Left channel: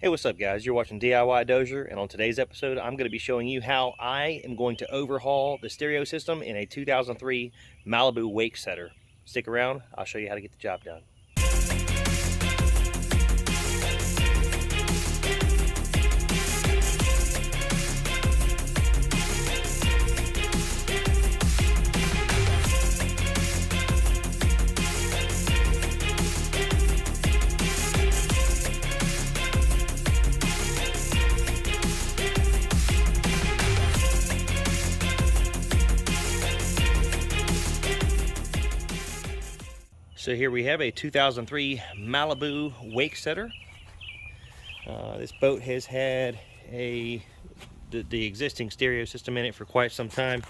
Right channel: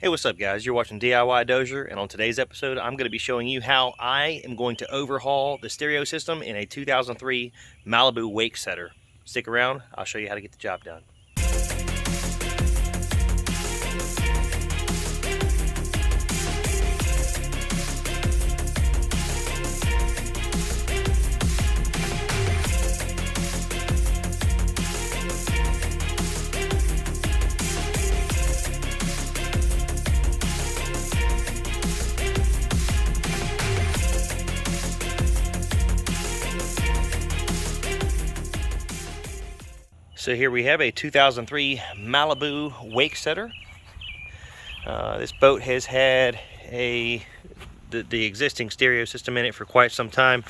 Hey, what's up guys? You're watching DIY Dozier, and on today's episode I'm going to be showing you how I am going to overhaul the stereo system in a 2003 Malibu Wakesetter. Stick around, I'll show you how to get the job done. So here we have a 2003 Malibu Wakesetter. This boat has had the existing stereo system in it for quite some time,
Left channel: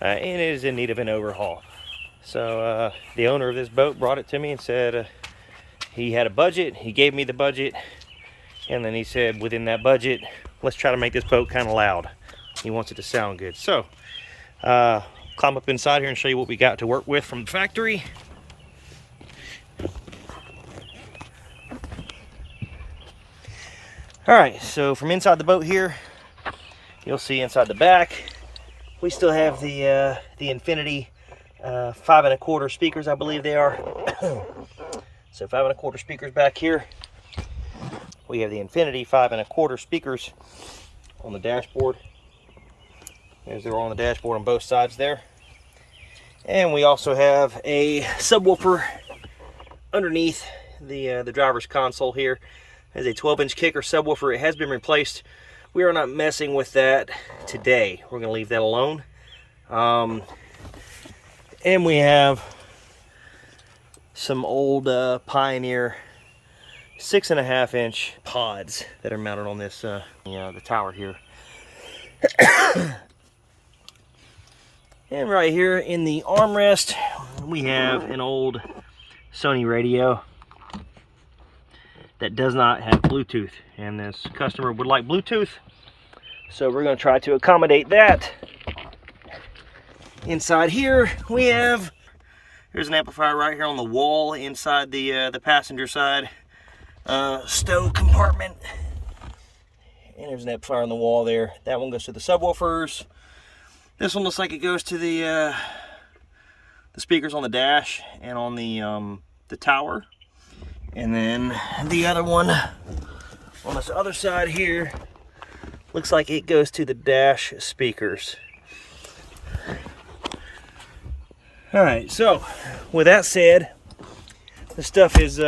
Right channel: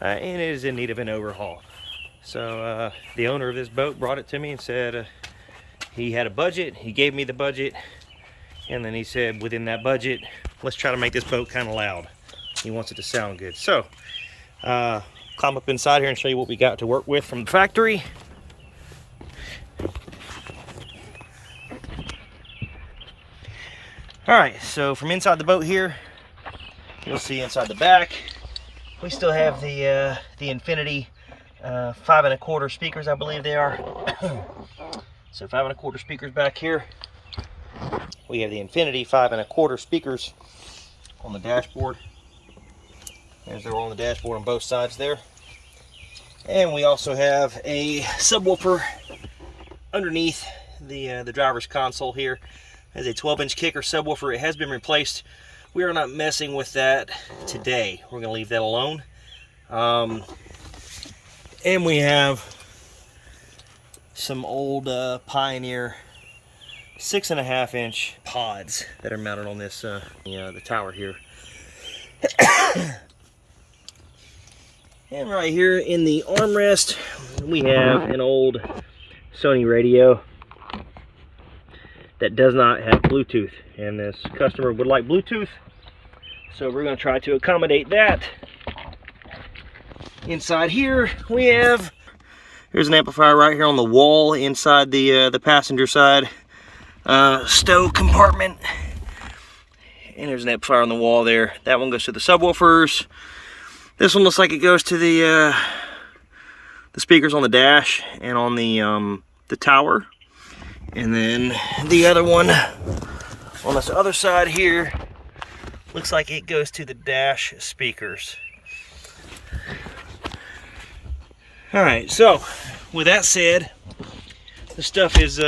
and it is in need of an overhaul. So the owner of this boat brought it to me and said he had a budget. He gave me the budget, and then he said within that budget, let's try to make this boat kind of loud. He wants it to sound good. So climb up inside here and show you what we got to work with from the factory. All right, so from inside the boat here, you'll see inside the back, we still have the Infinity 5 1/4 speakers, I believe they are. So 5 1/4 speakers back here. We have the Infinity 5 1/4 speakers on the dashboard. There's they're on the dashboard on both sides there. And we also have a subwoofer underneath the driver's console here. Has a 12-inch kicker subwoofer. It has been replaced. We are not messing with that today. We're going to leave that alone. And we have some old Pioneer 6.5-inch pods that are mounted on this the tower here. And right here in the armrest, we have an old Sony radio that does not have Bluetooth, and this customer would like Bluetooth, so we're going to try to accommodate that. Inside here we have, here's an amplifier right here on the wall inside the passenger side stow compartment, and there's an amplifier on the wall there. That one goes to the subwoofers. This one looks like it goes to the speakers on the dash and on the tower. And then the other one on this other side here looks like it goes to the dash speakers. All right, so with that said, the stuff is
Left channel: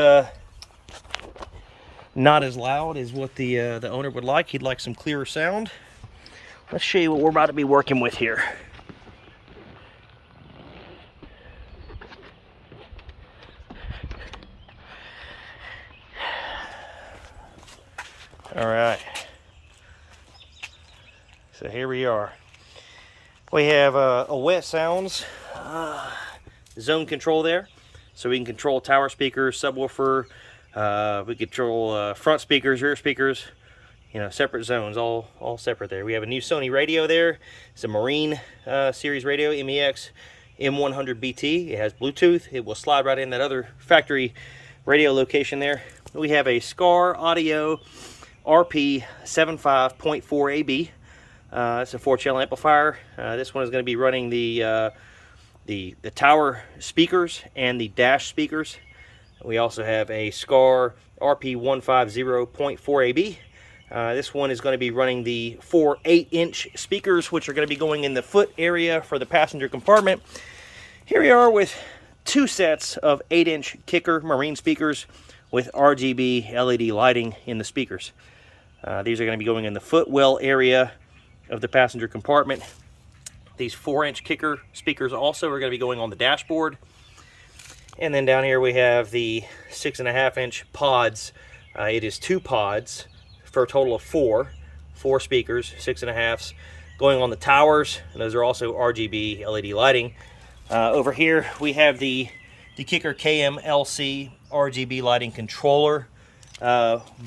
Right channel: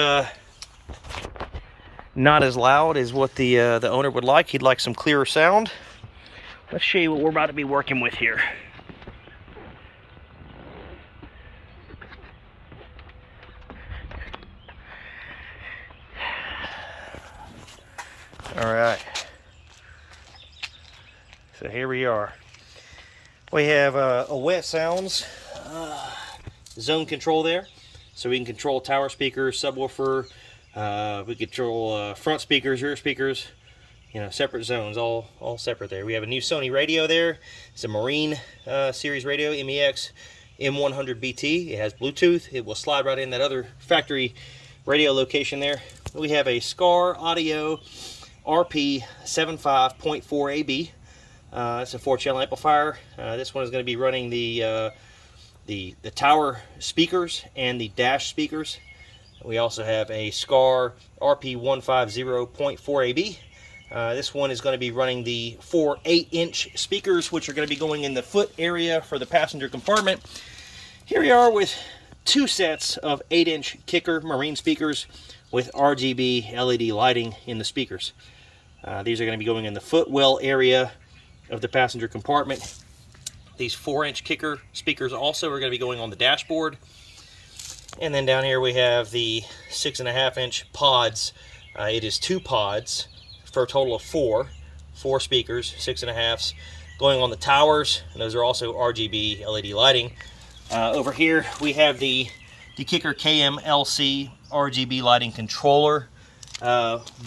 not as loud as what the owner would like. He'd like some clearer sound. Let's show you what we're about to be working with here. All right, so here we are. We have a wet sounds zone control there, so we can control tower speakers, subwoofer, we control front speakers, rear speakers, separate zones, all separate there. We have a new Sony radio there. It's a Marine series radio, MEX M100 BT. It has Bluetooth. It will slide right in that other factory radio location there. We have a Scar Audio RP 75.4 AB. It's a 4-channel amplifier. This one is going to be running the tower speakers and the dash speakers. We also have a Scar RP 150.4 AB. This one is going to be running the 4 8-inch speakers, which are going to be going in the foot area for the passenger compartment. Here we are with 2 sets of 8-inch kicker Marine speakers with RGB LED lighting in the speakers. These are going to be going in the footwell area of the passenger compartment. These 4-inch kicker speakers also are going to be going on the dashboard. And then down here we have the 6.5-inch pods. It is 2 pods for a total of 4 speakers, 6.5s, going on the towers, and those are also RGB LED lighting. Over here we have the kicker KMLC RGB lighting controller,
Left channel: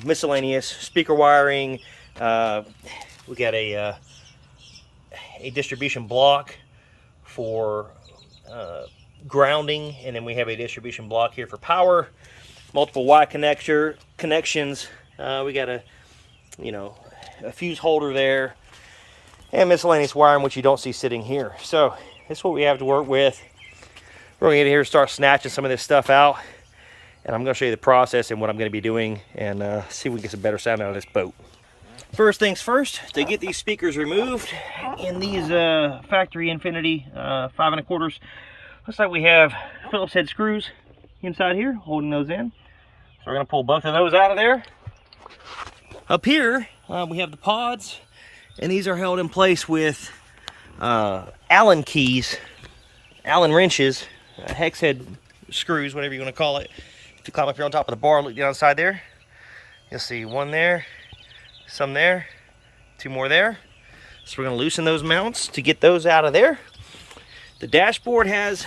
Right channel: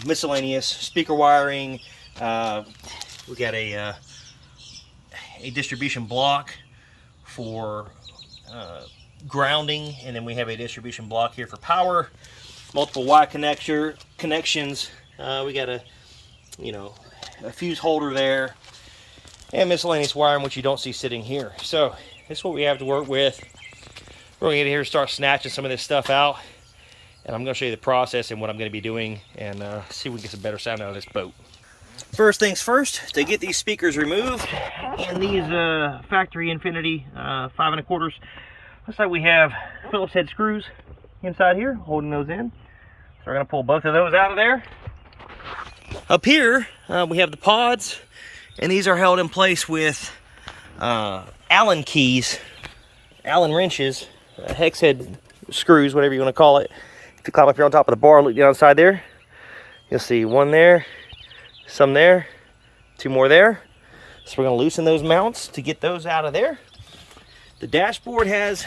miscellaneous speaker wiring. We got a distribution block for grounding, and then we have a distribution block here for power, multiple Y connections. We got a you know, a fuse holder there, and miscellaneous wiring, which you don't see sitting here. So this is what we have to work with. We're going to get in here and start snatching some of this stuff out, and I'm going to show you the process and what I'm going to be doing, and see if we can get some better sound out of this boat. First things first, to get these speakers removed, and these factory Infinity 5 1/4, looks like we have Phillips head screws inside here holding those in. So we're going to pull both of those out of there. Up here we have the pods, and these are held in place with Allen keys, Allen wrenches, hex head screws, whatever you want to call it. If you climb up here on top of the bar, look down inside there, you'll see one there, some there, two more there. So we're going to loosen those mounts to get those out of there. The dashboard has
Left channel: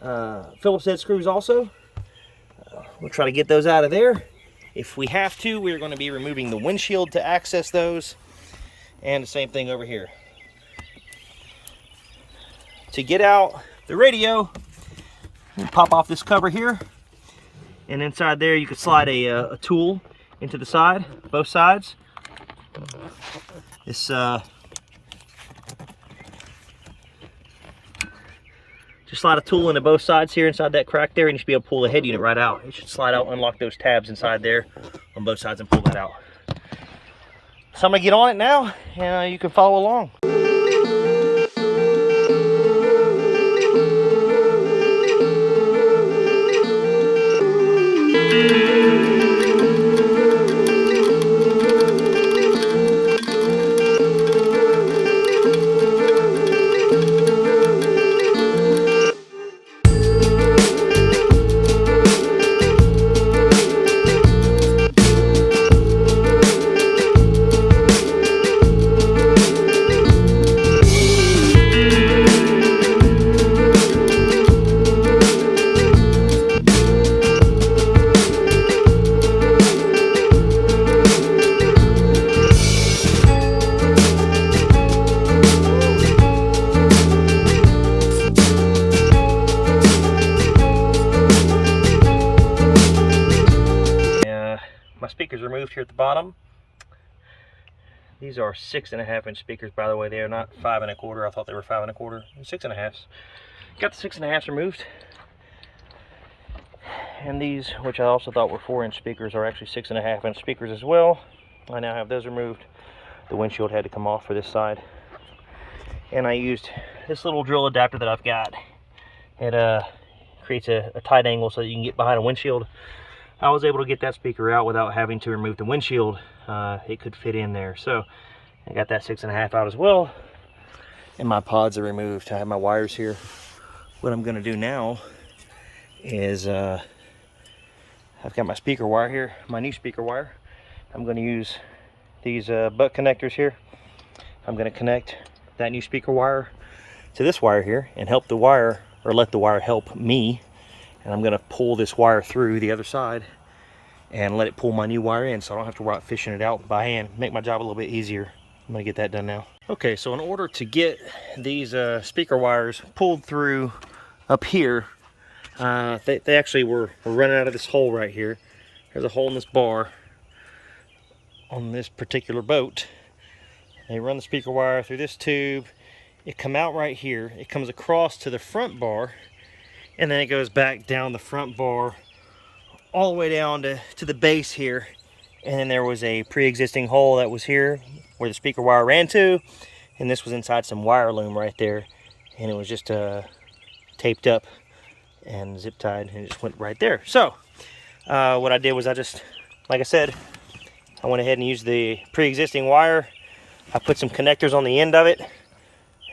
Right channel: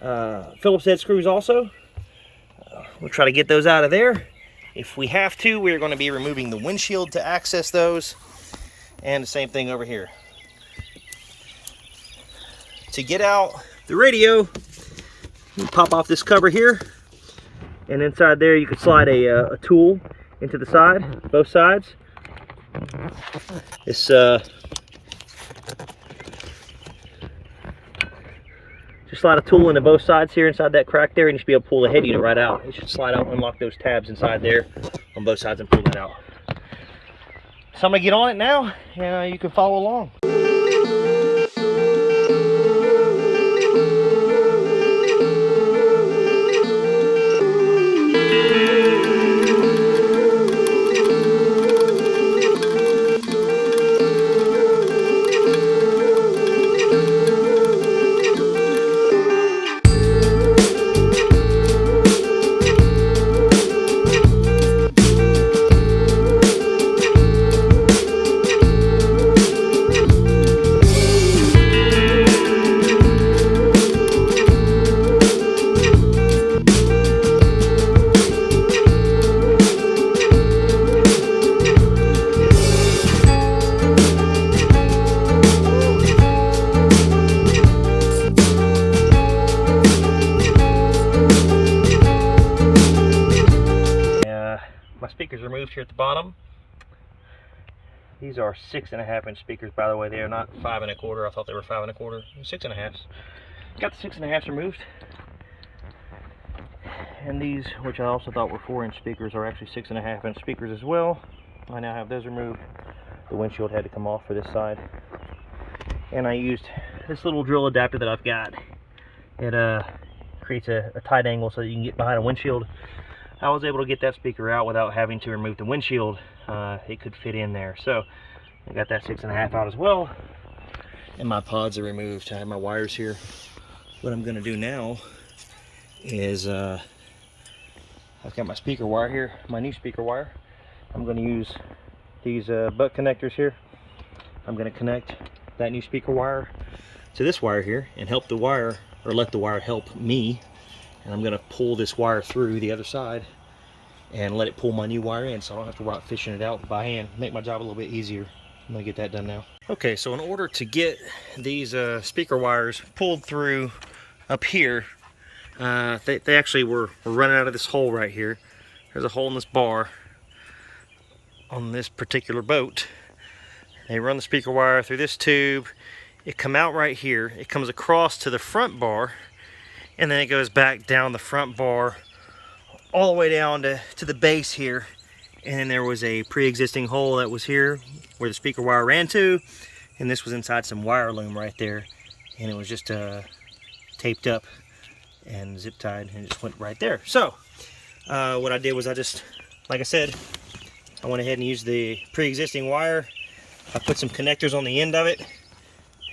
Phillips head screws also. We'll try to get those out of there. If we have to, we're going to be removing the windshield to access those, and the same thing over here. To get out the radio, you pop off this cover here, and inside there you can slide a tool into the side, both sides. This just slide a tool into both sides here inside that crack there, and you should be able to pull the head unit right out. It should slide out, unlock those tabs inside there on both sides, and pull that out. So I'm gonna get on it now, and you can follow along. My speakers removed here at the bottom. These are 6.5 inch speakers, by the way. They are not 5 1/4. I thought they were 5 1/4. 6.5. Got the 6.5 removed. And these, which I also thought were 4 inch speakers, are actually 6.5 inch speakers as well. I now have those removed. The windshield had to come off for this side. And I used this little drill adapter that I've got. It creates a tight angle so that you can get behind a windshield. I was able to get that speaker out without having to remove the windshield. It could fit in there. So I got that 6.5 out as well. And my pods are removed. I have my wires here. What I'm going to do now is I've got my speaker wire here, my new speaker wire. I'm going to use these butt connectors here. I'm going to connect that new speaker wire to this wire here and help the wire, or let the wire help me. And I'm going to pull this wire through the other side and let it pull my new wire in, so I don't have to worry about fishing it out by hand. Make my job a little bit easier. I'm going to get that done now. Okay, so in order to get these speaker wires pulled through up here, they actually were running out of this hole right here. There's a hole in this bar on this particular boat. They run the speaker wire through this tube. It come out right here. It comes across to the front bar, and then it goes back down the front bar all the way down to the base here. And then there was a pre-existing hole that was here where the speaker wire ran to, and this was inside some wire loom right there, and it was just taped up and zip tied, and it just went right there. So what I did was I just, like I said, I went ahead and used the pre-existing wire. I put some connectors on the end of it,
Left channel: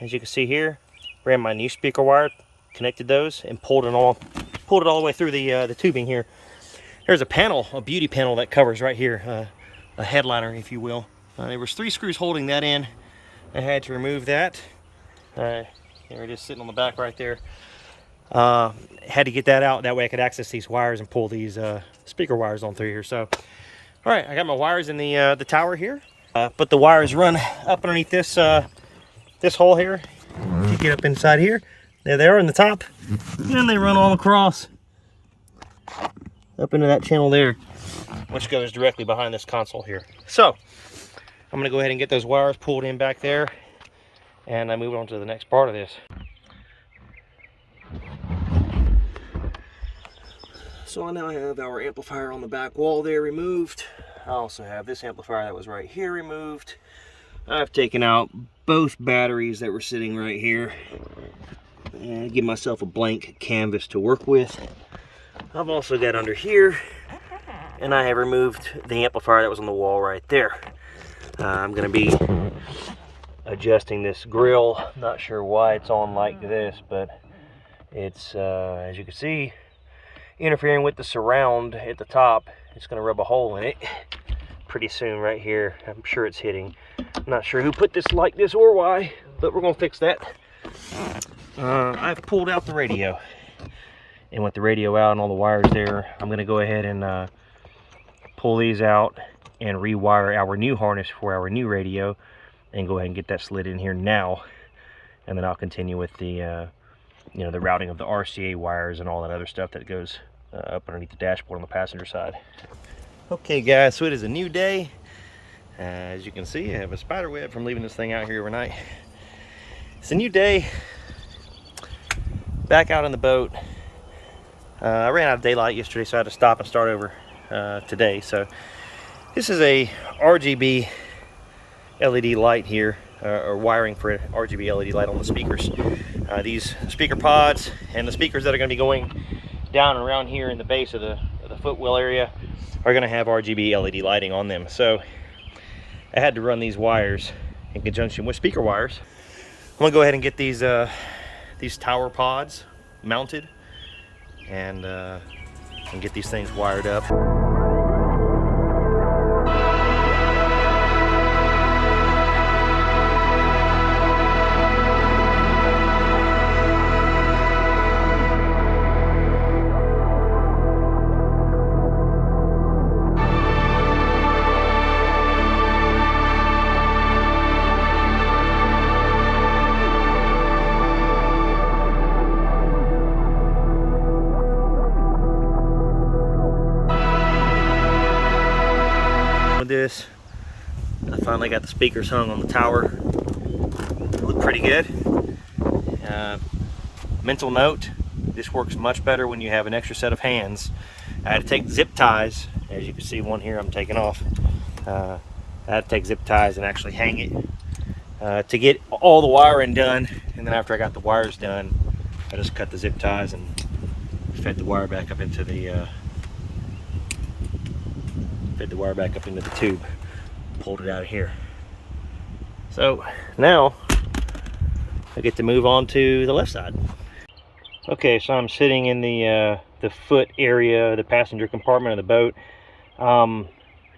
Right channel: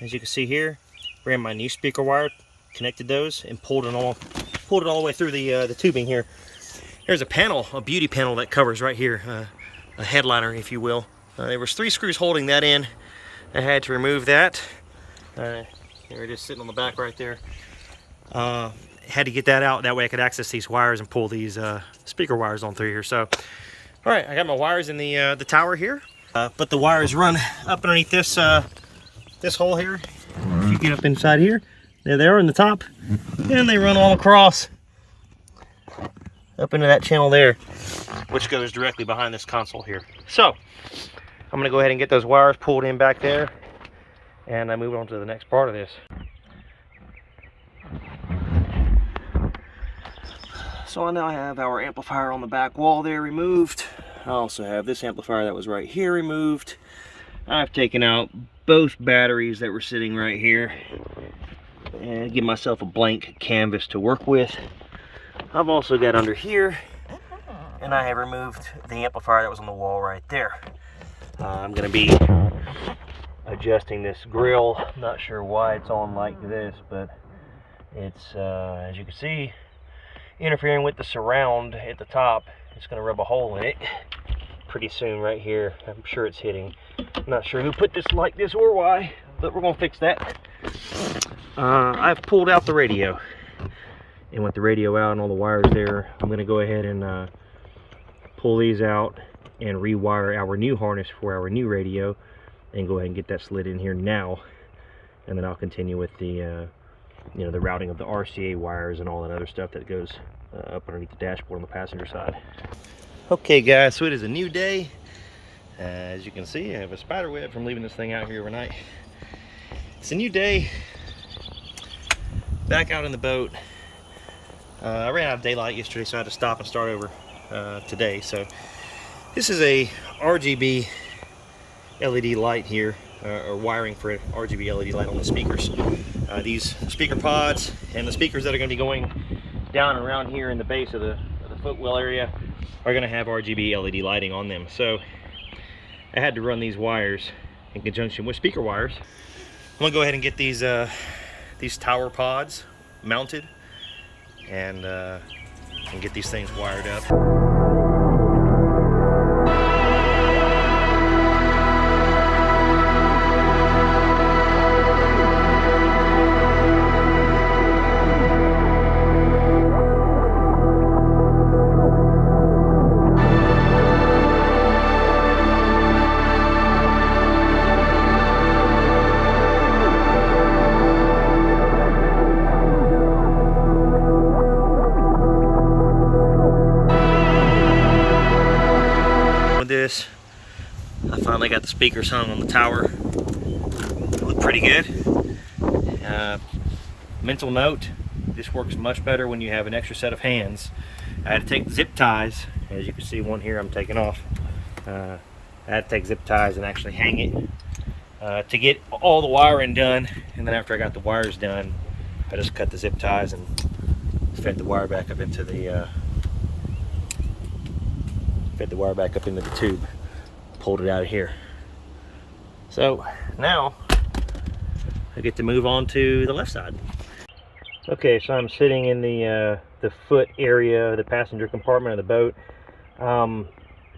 as you can see here. Ran my new speaker wire, connected those, and pulled it all the way through the tubing here. There's a panel, a beauty panel that covers right here, a headliner, if you will. There was 3 screws holding that in. I had to remove that. They were just sitting on the back right there. Had to get that out, that way I could access these wires and pull these speaker wires on through here. So, all right, I got my wires in the tower here. But the wires run up underneath this this hole here. If you get up inside here, there they are in the top, and they run all across up into that channel there, which goes directly behind this console here. So I'm going to go ahead and get those wires pulled in back there, and I move on to the next part of this. So I now have our amplifier on the back wall there removed. I also have this amplifier that was right here removed. I've taken out both batteries that were sitting right here and give myself a blank canvas to work with. I've also got under here, and I have removed the amplifier that was on the wall right there. I'm going to be adjusting this grill. Not sure why it's on like this, but it's, as you can see, interfering with the surround at the top. It's going to rub a hole in it pretty soon right here. I'm sure it's hitting. I'm not sure who put this like this or why, but we're going to fix that. I've pulled out the radio, and with the radio out and all the wires there, I'm going to go ahead and pull these out and rewire our new harness for our new radio, and go ahead and get that slid in here now. And then I'll continue with the you know, the routing of the RCA wires and all that other stuff that goes up underneath the dashboard on the passenger side. Okay guys, so it is a new day. As you can see, I have a spider web from leaving this thing out here overnight. It's a new day. Back out on the boat. I ran out of daylight yesterday, so I had to stop and start over today. So this is a RGB LED light here, or wiring for an RGB LED light on the speakers. These speaker pods and the speakers that are going to be going down and around here in the base of the footwell area are going to have RGB LED lighting on them. So I had to run these wires in conjunction with speaker wires. I'm going to go ahead and get these tower pods mounted and get these things wired up. This, I finally got the speakers hung on the tower. Look pretty good. Mental note, this works much better when you have an extra set of hands. I had to take zip ties, as you can see one here I'm taking off. I had to take zip ties and actually hang it to get all the wiring done, and then after I got the wires done, I just cut the zip ties and fed the wire back up into the tube, pulled it out of here. So now I get to move on to the left side. Okay, so I'm sitting in the foot area of the passenger compartment of the boat.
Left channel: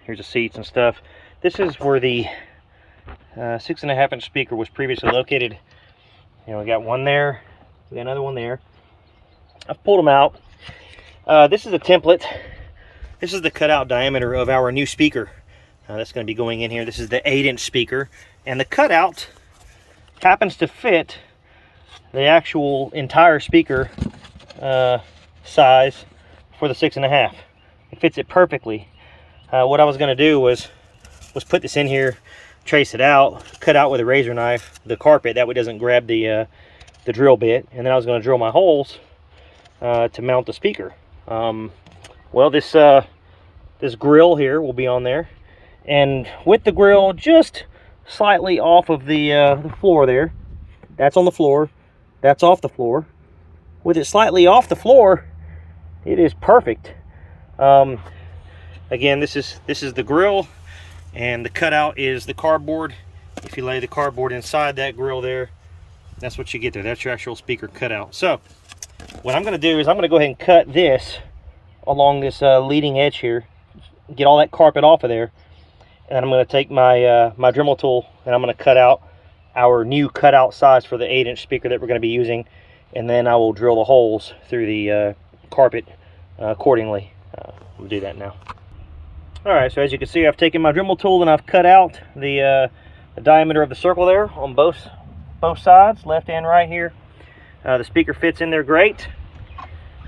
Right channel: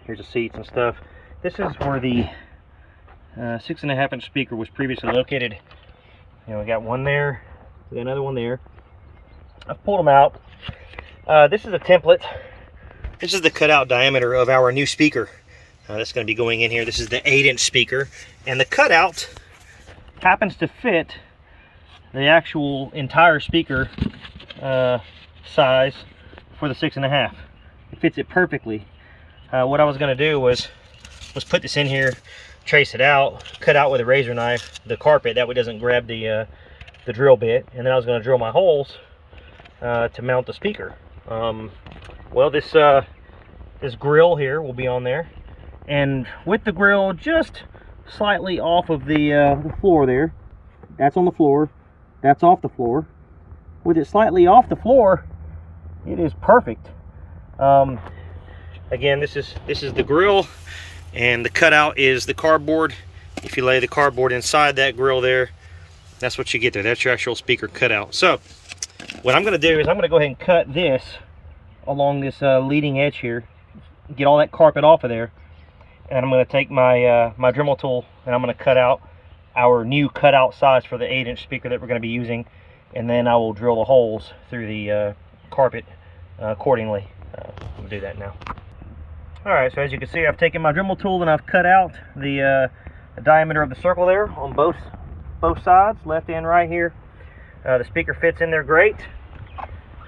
Here's the seats and stuff. This is where the 6.5 inch speaker was previously located. You know, we got one there, we got another one there. I've pulled them out. This is a template. This is the cutout diameter of our new speaker that's going to be going in here. This is the 8-inch speaker, and the cutout happens to fit the actual entire speaker size for the 6.5. It fits it perfectly. What I was going to do was put this in here, trace it out, cut out with a razor knife the carpet, that way it doesn't grab the drill bit, and then I was going to drill my holes to mount the speaker. Well, this grill here will be on there, and with the grill just slightly off of the floor there. That's on the floor. That's off the floor. With it slightly off the floor, it is perfect. Again, this is the grill, and the cutout is the cardboard. If you lay the cardboard inside that grill there, that's what you get there. That's your actual speaker cutout. So what I'm going to do is I'm going to go ahead and cut this along this leading edge here, get all that carpet off of there, and I'm going to take my my Dremel tool, and I'm going to cut out our new cutout size for the 8-inch speaker that we're going to be using, and then I will drill the holes through the carpet accordingly. We'll do that now. Alright, so as you can see, I've taken my Dremel tool and I've cut out the diameter of the circle there on both sides, left and right here. The speaker fits in there great.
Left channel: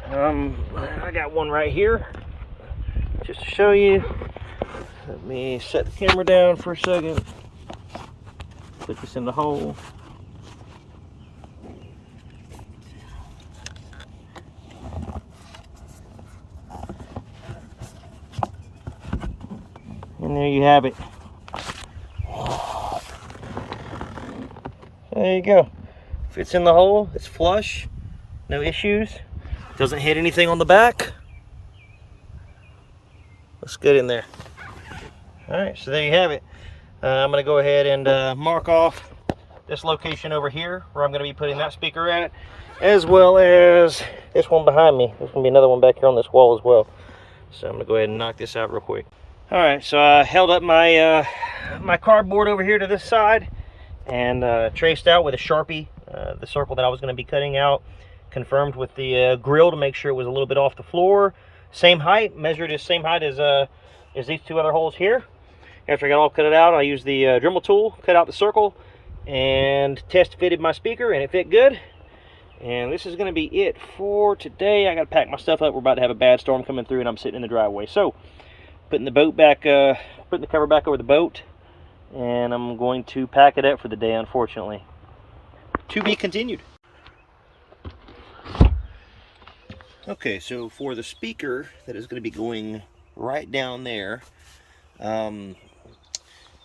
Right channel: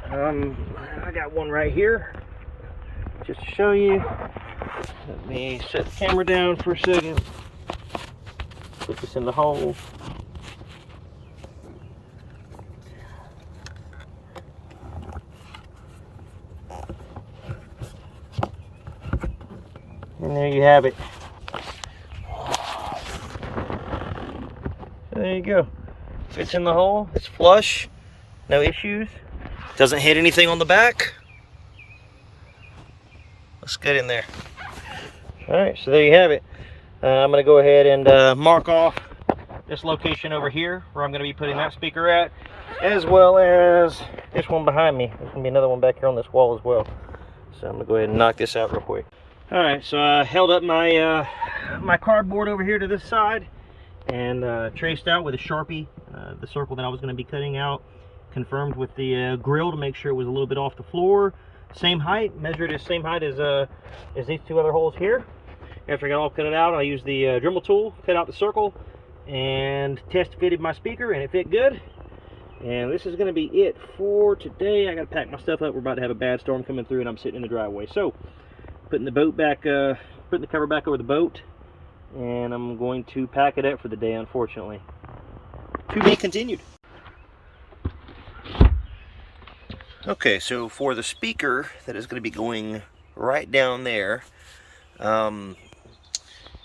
I got one right here just to show you. Let me set the camera down for a second. Put this in the hole. And there you have it. There you go. Fits in the hole. It's flush. No issues. Doesn't hit anything on the back. Let's get in there. Alright, so there you have it. I'm going to go ahead and mark off this location over here where I'm going to be putting that speaker at, as well as this one behind me. There's going to be another one back here on this wall as well. So I'm going to go ahead and knock this out real quick. Alright, so I held up my my cardboard over here to this side and traced out with a Sharpie the circle that I was going to be cutting out. Confirmed with the grill to make sure it was a little bit off the floor. Same height, measured as same height as these two other holes here. After I got all cut it out, I used the Dremel tool, cut out the circle, and test fitted my speaker, and it fit good. And this is going to be it for today. I got to pack my stuff up. We're about to have a bad storm coming through, and I'm sitting in the driveway. So, putting the boat back, putting the cover back over the boat, and I'm going to pack it up for the day, unfortunately. To be continued. Okay, so for the speaker that is going to be going right down there, it's going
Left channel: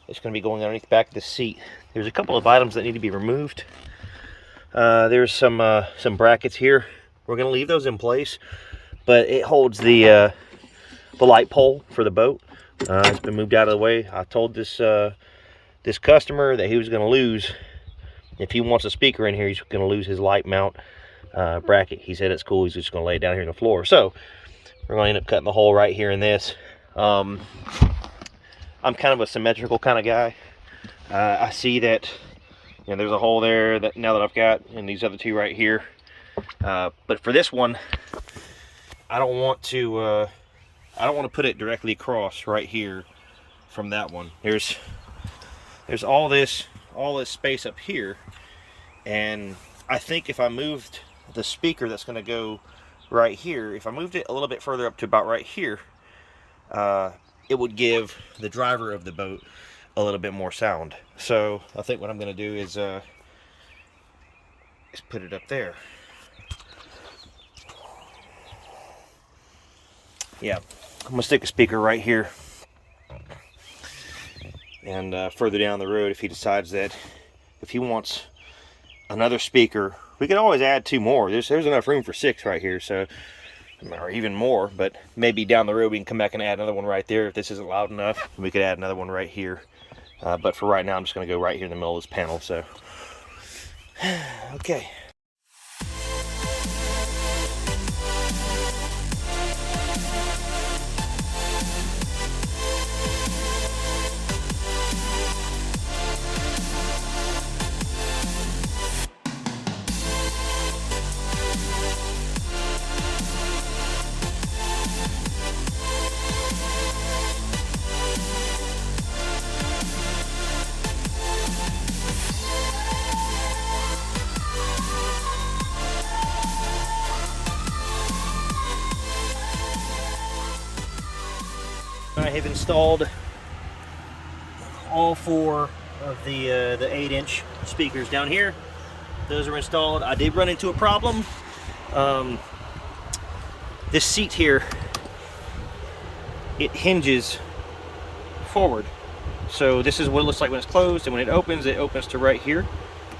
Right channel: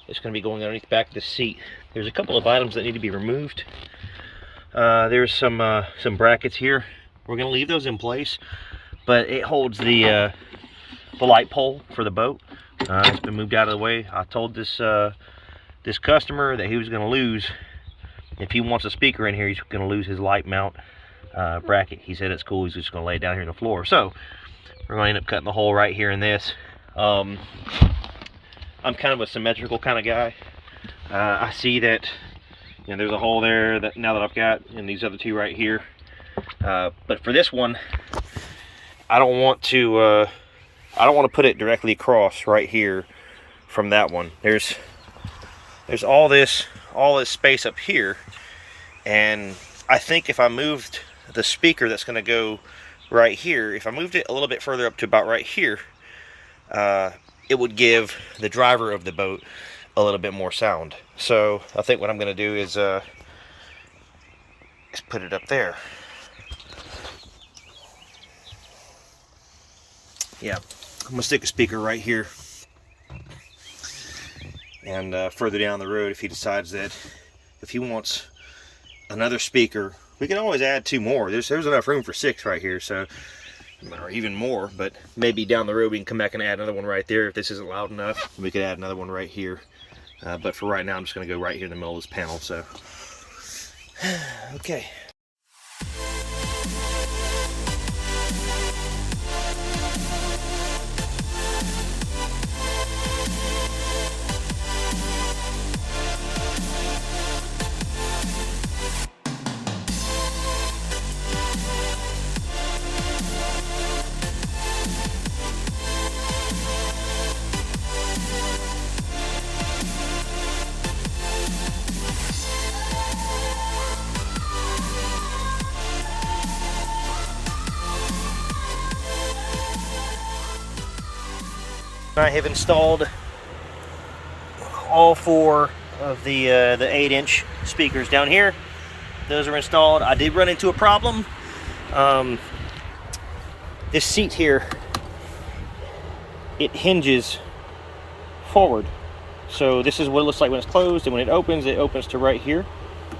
to be going underneath the back of the seat. There's a couple of items that need to be removed. There's some brackets here. We're going to leave those in place, but it holds the light pole for the boat. It's been moved out of the way. I told this this customer that he was going to lose, if he wants a speaker in here, he's going to lose his light mount bracket. He said it's cool. He's just going to lay it down here on the floor. So we're going to end up cutting the hole right here in this. I'm kind of a symmetrical kind of guy. I see that, you know, there's a hole there that now that I've got, and these other two right here. But for this one, I don't want to put it directly across right here from that one. There's all this space up here, and I think if I moved the speaker that's going to go right here, if I moved it a little bit further up to about right here, it would give the driver of the boat a little bit more sound. So I think what I'm going to do is put it up there. Yeah, I'm going to stick a speaker right here. And further down the road, if he decides that if he wants another speaker, we can always add two more. There's enough room for 6 right here, so, or even more, but maybe down the road we can come back and add another one right there. If this isn't loud enough, we could add another one right here. But for right now, I'm just going to go right here in the middle of this panel. So, okay. I have installed all 4 of the 8-inch speakers down here. Those are installed. I did run into a problem. This seat here, it hinges forward. So this is what it looks like when it's closed, and when it opens to right here.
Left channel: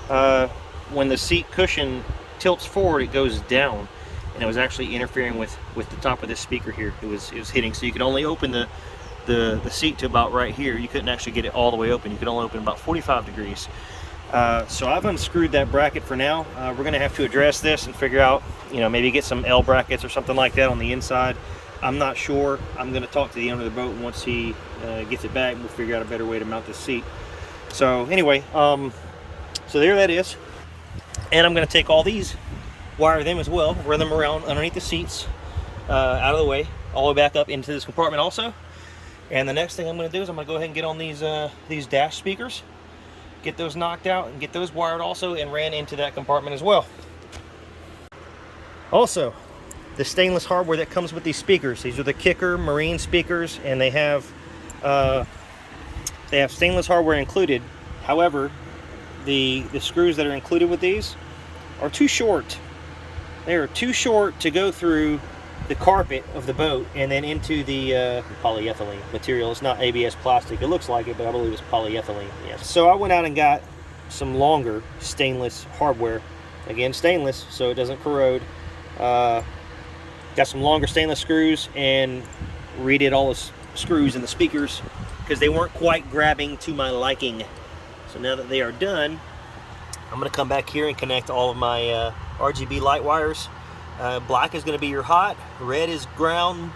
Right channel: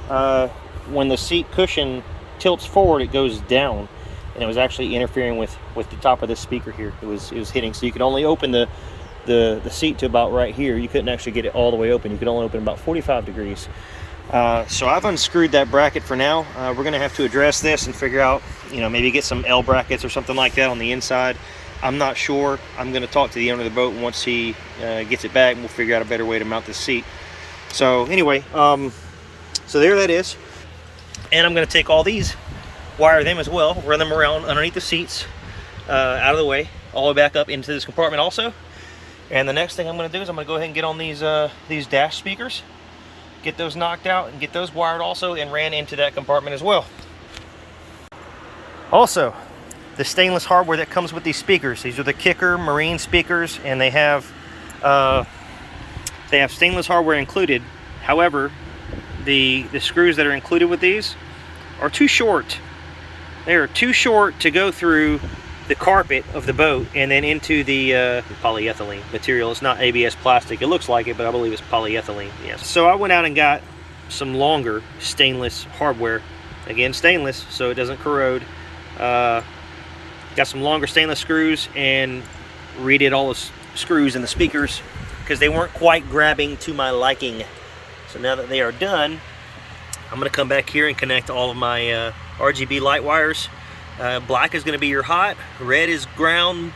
When the seat cushion tilts forward, it goes down, and it was actually interfering with the top of this speaker here. It was hitting, so you could only open the seat to about right here. You couldn't actually get it all the way open. You could only open about 45 degrees. So I've unscrewed that bracket for now. We're going to have to address this and figure out, you know, maybe get some L brackets or something like that on the inside. I'm not sure. I'm going to talk to the owner of the boat once he gets it back, and we'll figure out a better way to mount this seat. So anyway, so there that is. And I'm going to take all these, wire them as well, run them around underneath the seats, out of the way, all the way back up into this compartment also. And the next thing I'm going to do is I'm going to go ahead and get on these dash speakers, get those knocked out, and get those wired also and ran into that compartment as well. Also, the stainless hardware that comes with these speakers. These are the Kicker Marine speakers, and they have stainless hardware included. However, the screws that are included with these are too short. They are too short to go through the carpet of the boat and then into the polyethylene material. It's not ABS plastic. It looks like it, but I believe it's polyethylene. Yes. So I went out and got some longer stainless hardware. Again, stainless, so it doesn't corrode. Got some longer stainless screws and redid all the screws in the speakers because they weren't quite grabbing to my liking. So now that they are done, I'm going to come back here and connect all of my RGB light wires. Black is going to be your hot, red is ground,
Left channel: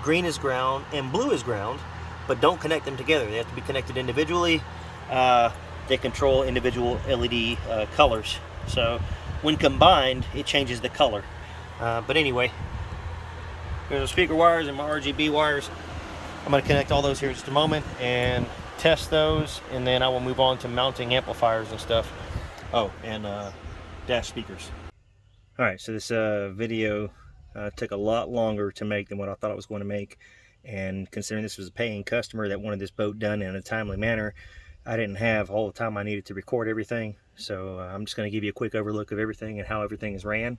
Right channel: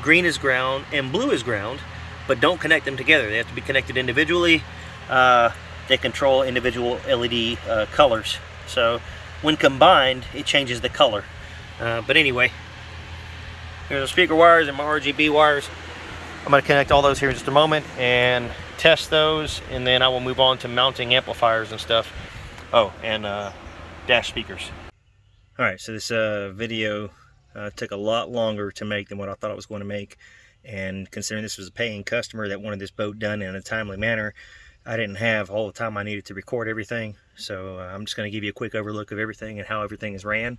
green is ground, and blue is ground, but don't connect them together. They have to be connected individually. They control individual LED colors. So when combined, it changes the color. But anyway, here's the speaker wires and my RGB wires. I'm going to connect all those here in just a moment and test those, and then I will move on to mounting amplifiers and stuff. Oh, and dash speakers. Alright, so this video took a lot longer to make than what I thought it was going to make, and considering this was a paying customer that wanted this boat done in a timely manner, I didn't have all the time I needed to record everything. So I'm just going to give you a quick overlook of everything and how everything is ran.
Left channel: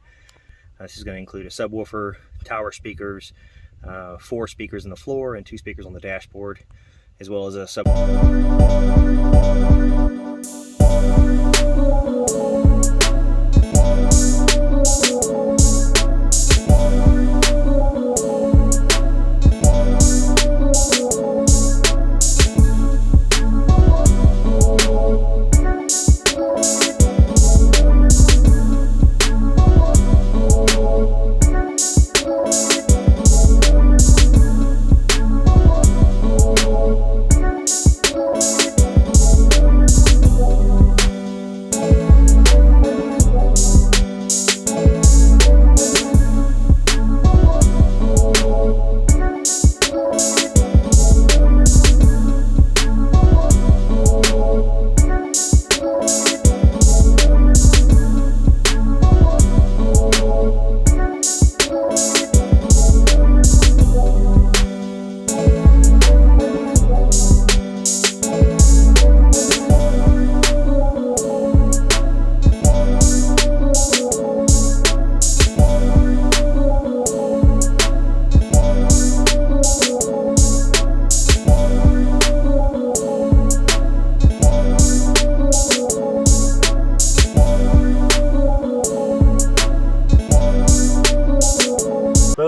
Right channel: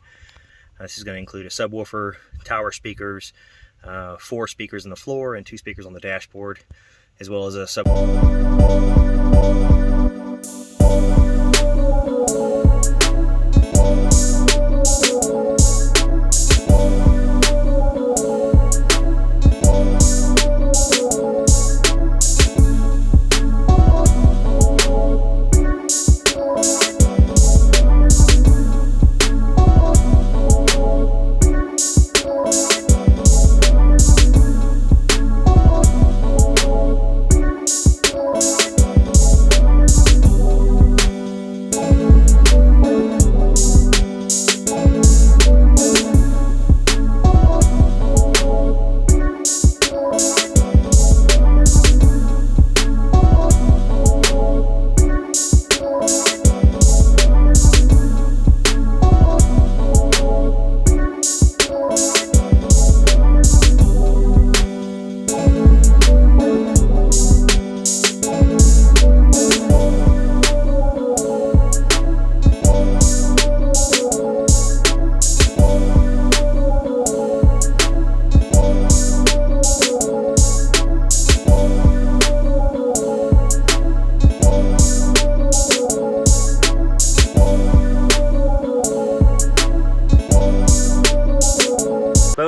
This is going to include a subwoofer, tower speakers, 4 speakers on the floor and 2 speakers on the dashboard, as well as a boat.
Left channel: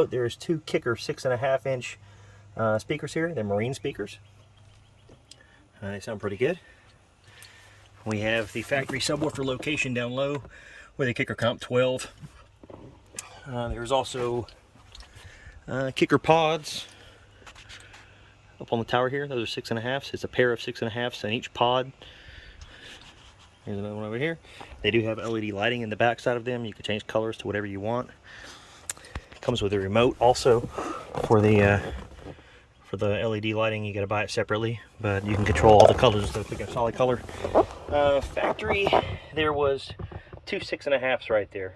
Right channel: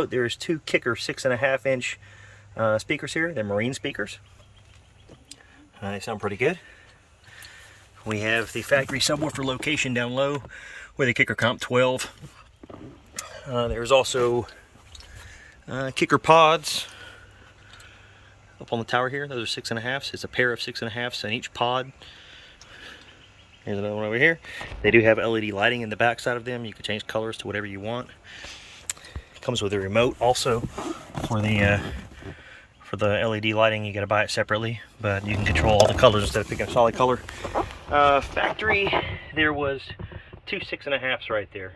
There's 2 Kicker 6.5-inch speakers here. They're Marine speakers. They sound pretty good. We have the factory subwoofer location down low with a Kicker Comp 12. There's also Kicker pods up on the tower here. Those are 6.5s. It's a pair of 6.5s in each pod. Here's another one over here. They do have LED lighting in the back side of them. You can change colors to whatever you want. Comes with a remote also for the LED lighting. You got to buy it separately, but you can control all the colors instead of picking a solid color. Factory, there was 2 6.5s right there.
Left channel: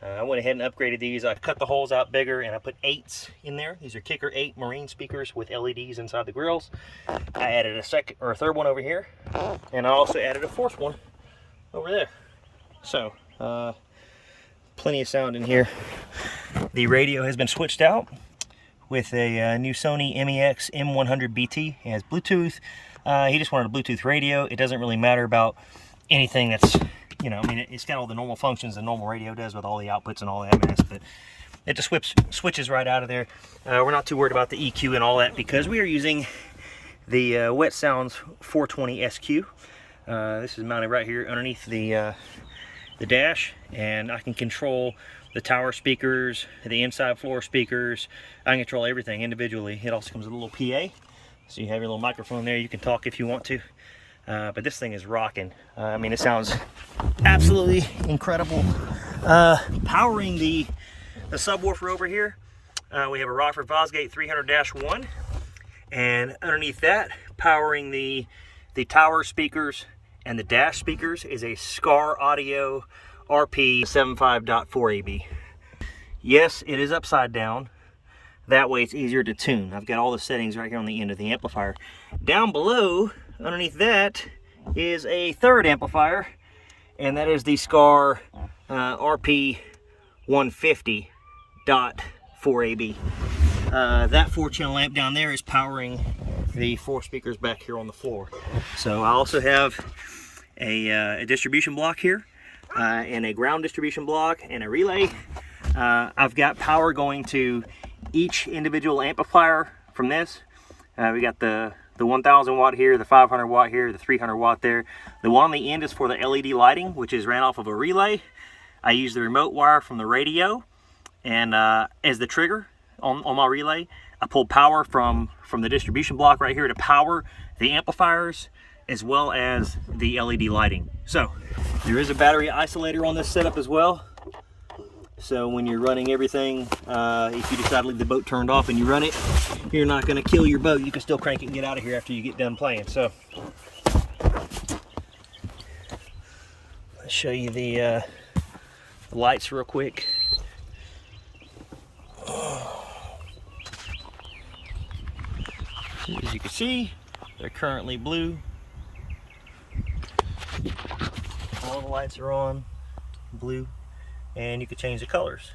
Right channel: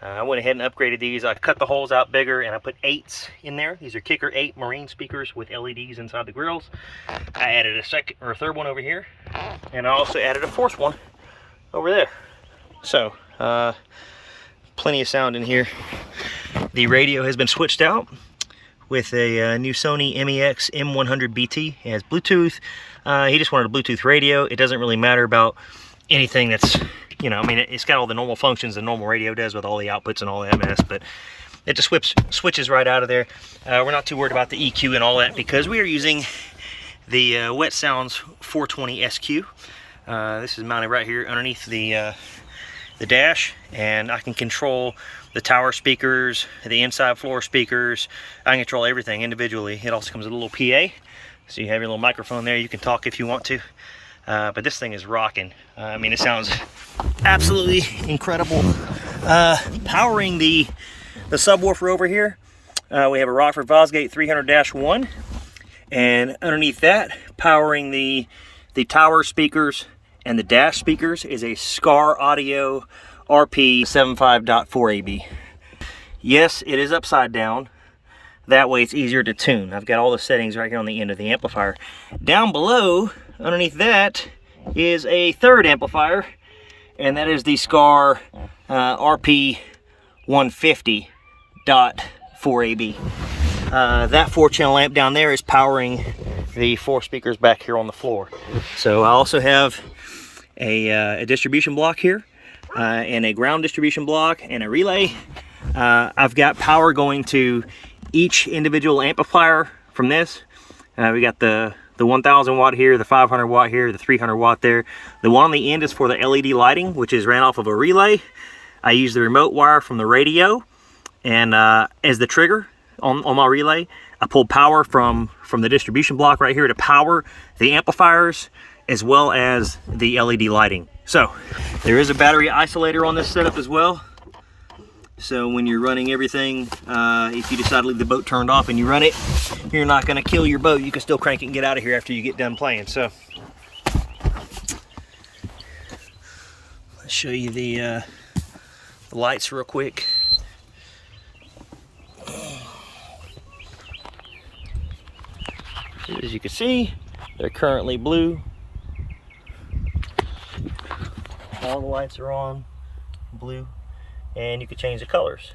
I went ahead and upgraded these. I cut the holes out bigger and I put 8s in there. These are Kicker 8 Marine speakers with LEDs inside the grills. I added a second or a third one over here, and I also added a 4th one over there. So plenty of sound in here. The radio has been switched out with a new Sony MEX M100 BT. It has Bluetooth. He just wanted a Bluetooth radio. It doesn't really matter about anything that's, you know, I mean, it's got all the normal functions a normal radio does with all the outputs and all that mess, but it just switches right out of there. We're not too worried about the EQ and all that because we are using the Wet Sounds 420 SQ. This is mounted right here underneath the dash, and I can control the tower speakers, the inside floor speakers. I can control everything individually. It also comes with a little PA, so you have your little microphone there. You can talk if you want to, but this thing is rocking. I mean, it sounds absolutely incredible. Powering the subwoofer over here, we have a Rockford Fosgate 300-1, and underneath that, powering the tower speakers and the dash speakers, is a Scar Audio RP 75.4 AB. Yes, it is upside down. That way it's easier to tune. I've got all the settings right here on the end of the amplifier. Down below, underneath that, is a third amplifier, and that is the Scar RP 150.4AB. That 4-channel amp down there is powering the 4 speakers back here on the floor. So I also have a distribution block here, and a ground distribution block, and a relay. I've got power going to each individual amplifier from this. We got the 1000 watt here, the 500 watt here, the 300 watt there. The one on the end is for the LED lighting, which is ran off of a relay. I use the remote wire from the radio, and as the trigger on my relay, I pulled power from the distribution block right here to power the amplifiers as well as the LED lighting. So there is a battery isolator on this setup as well. So when you're running everything, if you decide to leave the boat turned off and you run it, you're not going to kill your boat. You can still crank it and get out of here after you get done playing. So let's show you the lights real quick. So as you can see, they're currently blue. All the lights are on blue, and you can change the colors.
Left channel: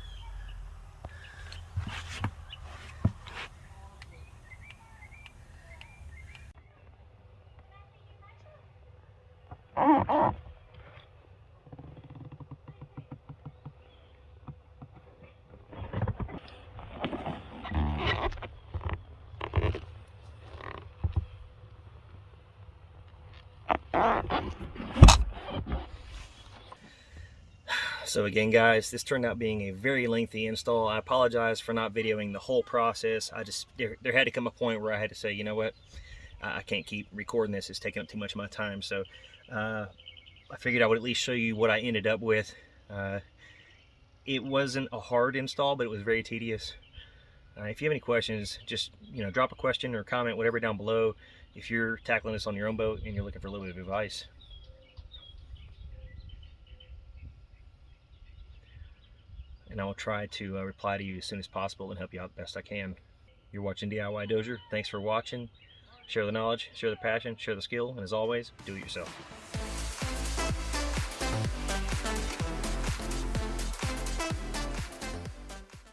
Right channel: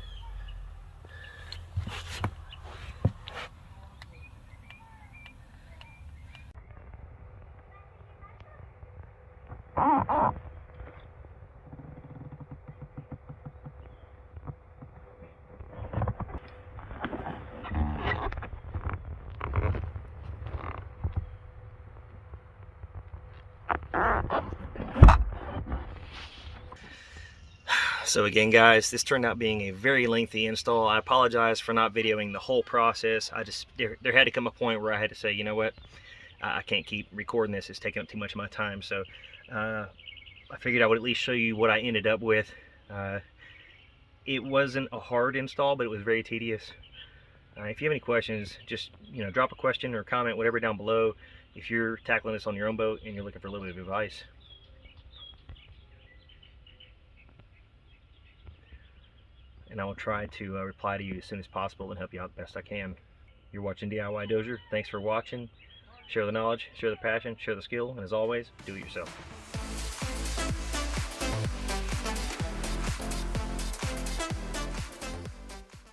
So again, guys, this turned out being a very lengthy install. I apologize for not videoing the whole process. There had to come a point where I had to say, you know what, I can't keep recording this. It's taking up too much of my time. So I figured I would at least show you what I ended up with. It wasn't a hard install, but it was very tedious. If you have any questions, just drop a question or comment, whatever, down below. If you're tackling this on your own boat and you're looking for a little bit of advice. And I will try to reply to you as soon as possible and help you out the best I can. You're watching DIY Dozier. Thanks for watching. Share the knowledge, share the passion, share the skill, and as always, do it yourself.